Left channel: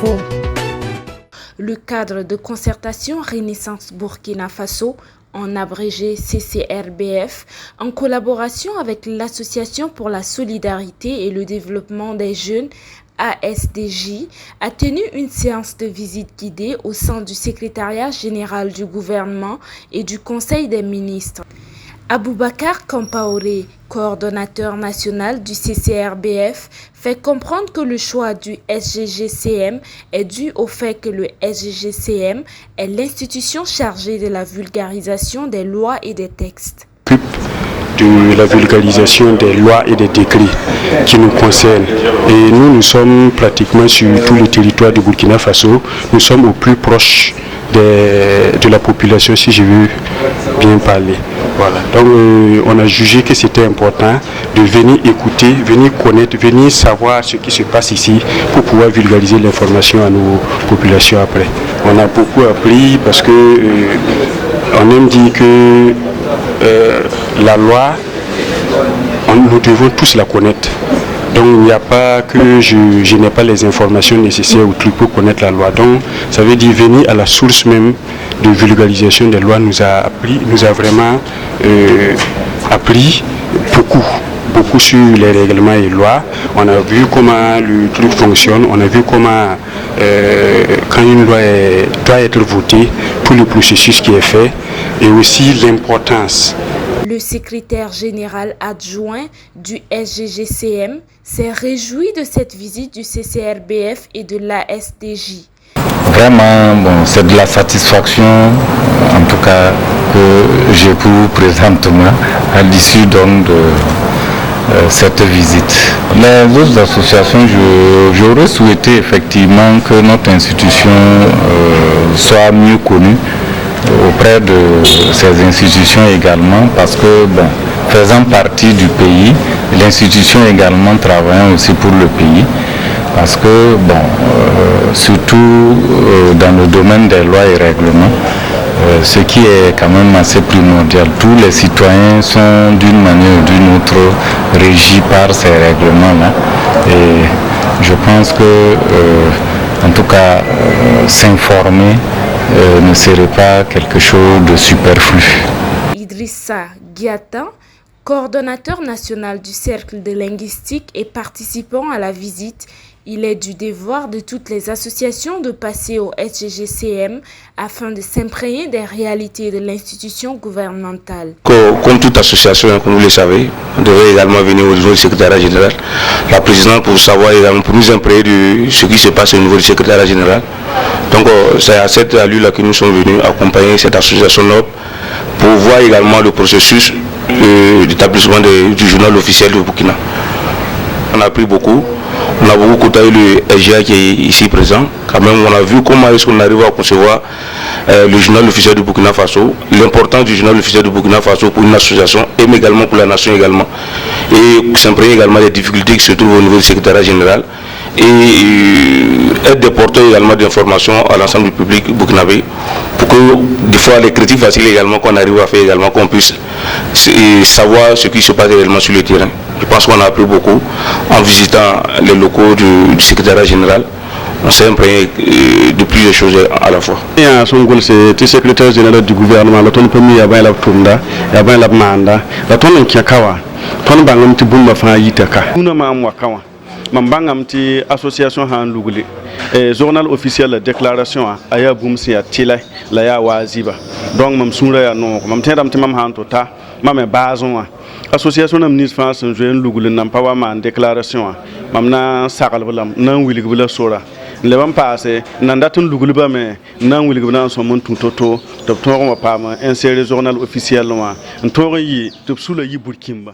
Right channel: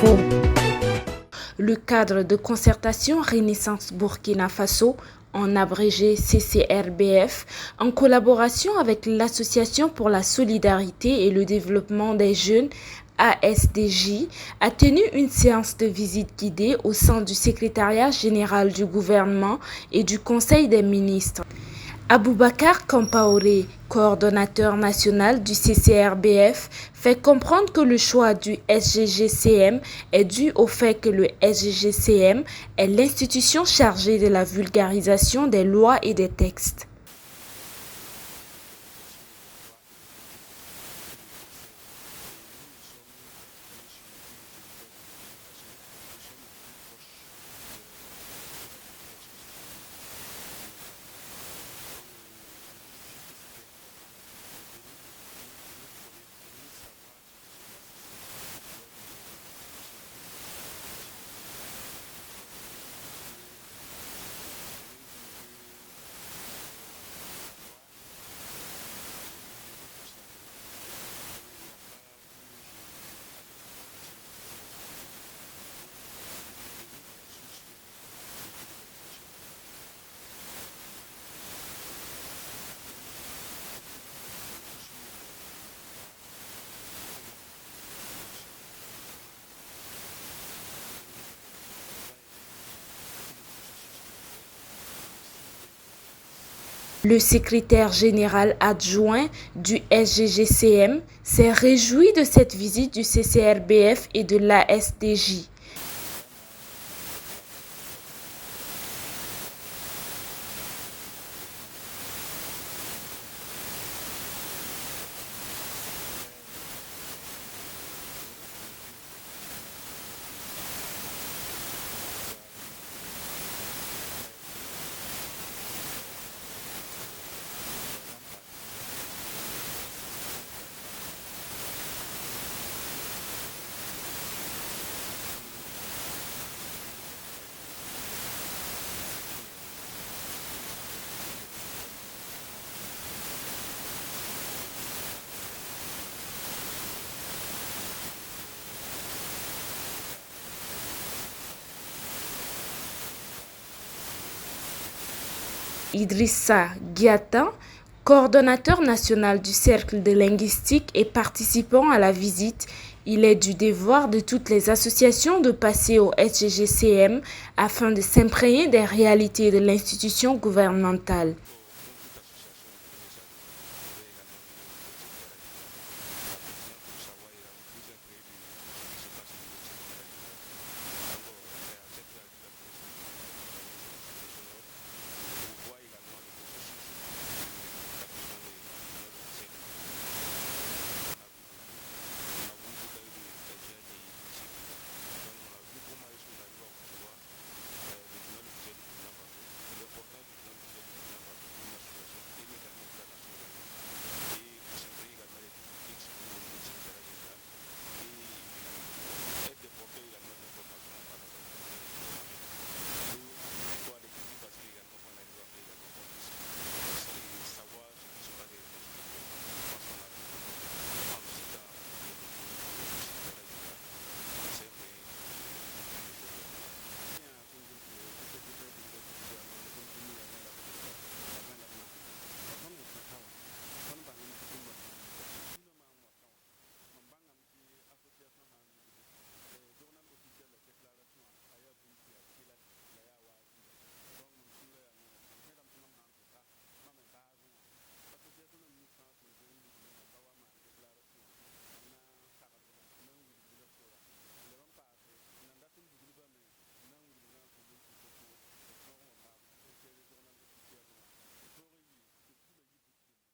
info. Le cadre de concertation Renaissance Burkina Faso, en abrégé CCRBF, en collaboration avec l'Association pour la solidarité et le développement des jeunes ASDJ, a tenu une séance de visite guidée au sein du secrétariat général du gouvernement et du Conseil des ministres. Aboubacar Kampaoré, coordonnateur national du CCRBF, fait comprendre que le choix du SGGCM est dû au fait que le SGGCM est l'institution chargée de la vulgarisation des lois et des textes. De la vulgarisation des lois et des décrets qui nous concernent. Et nous sommes pratiquement sur tout le territoire de Burkina Faso. Nous sommes au plus proche de la population, si je veux bien parler. Voilà. Donc on a jugé que c'était important de venir écouter, venir connaître, venir savoir ce qui se passe ici pour pouvoir vulgariser l'information à nos populations après. On a beaucoup appris parce que on aime dire que la loi, nous devons tous la connaître. Donc il n'y a pas que je n'ai pas les informations nécessaires ou trucs pour connaître la loi. Donc ça veut dire venir à la source même de vulgarisation des lois nous a vraiment appris beaucoup sur les règlements et lois. On a vu comment le truc fonctionne, on a vu comment quand une loi doit être votée, tout le processus qui est fait et aussi l'importance. Le secrétaire général adjoint du SGGCM s'est réjoui de cette visite du CCRBF et de l'ASDJ. Vraiment, c'est de la satisfaction, en tout cas, que j'éprouve présentement à l'issue donc de cette visite. Les autres associations, j'aurais souhaité effectivement que notre institution soit mieux connue auprès de ces institutions également, parce que faisant partie du pays, l'institution également travaillant aussi pour le pays, parce que surtout dans le domaine des lois et règlements, ce qui est quand même assez primordial, tous les citoyens sont d'une manière ou d'une autre régis par ces règlements-là, et je pense que en tout cas s'informer ne serait pas quelque chose de superflu. Idrissa Guiata, coordonnateur national du Cercle de linguistique et participant à la visite, il est du devoir de toutes les associations de passer au SGGCM afin de s'imprégner des réalités de l'institution gouvernementale. Comme toute association, comme vous le savez, on devrait également venir au niveau du secrétariat général. La présidente pour savoir également, pour nous imprégner de ce qui se passe au niveau du secrétariat général. Donc c'est à cette allure-là que nous sommes venus accompagner cette association-là pour voir également le processus d'établissement du journal officiel du Burkina. On a appris beaucoup. On a beaucoup côtoyé le SGA qui est ici présent. Quand même, on a vu comment est-ce qu'on arrive à concevoir le journal officiel du Burkina Faso, l'importance du journal officiel du Burkina Faso pour une association et également pour la nation également. Et s'imprégner également des difficultés qui se trouvent au niveau du secrétariat général et être des porteurs également d'informations à l'ensemble du public burkinabé pour que des fois les critiques faciles également qu'on arrive à faire également qu'on puisse savoir ce qui se passe réellement sur le terrain. Je pense qu'on a appris beaucoup en visitant les locaux du secrétariat général. On s'est imprégné de plusieurs choses à la fois. Son goal c'est le secrétaire général du gouvernement, le ton premier yaba la tunda, yaba la manda, la ton kiakawa, ton bangam ti bumba fa yitaka. Una ma mwakawa. Mambangam ti association han luguli. Journal officiel la déclaration aya bumsi ya tila la ya waziba. Donc mam sunra ya no, mam tendam ti mam han tota, mam bazon association nam nis France jeune lugul nam pawa man déclaration mam na sakal bulam nan wilig bula sora le bam passé nan datun lugul ba me nan wilig bula so mon tutoto to to ma pa ma insérer journal officiel ma to yi to sula yi burkimba.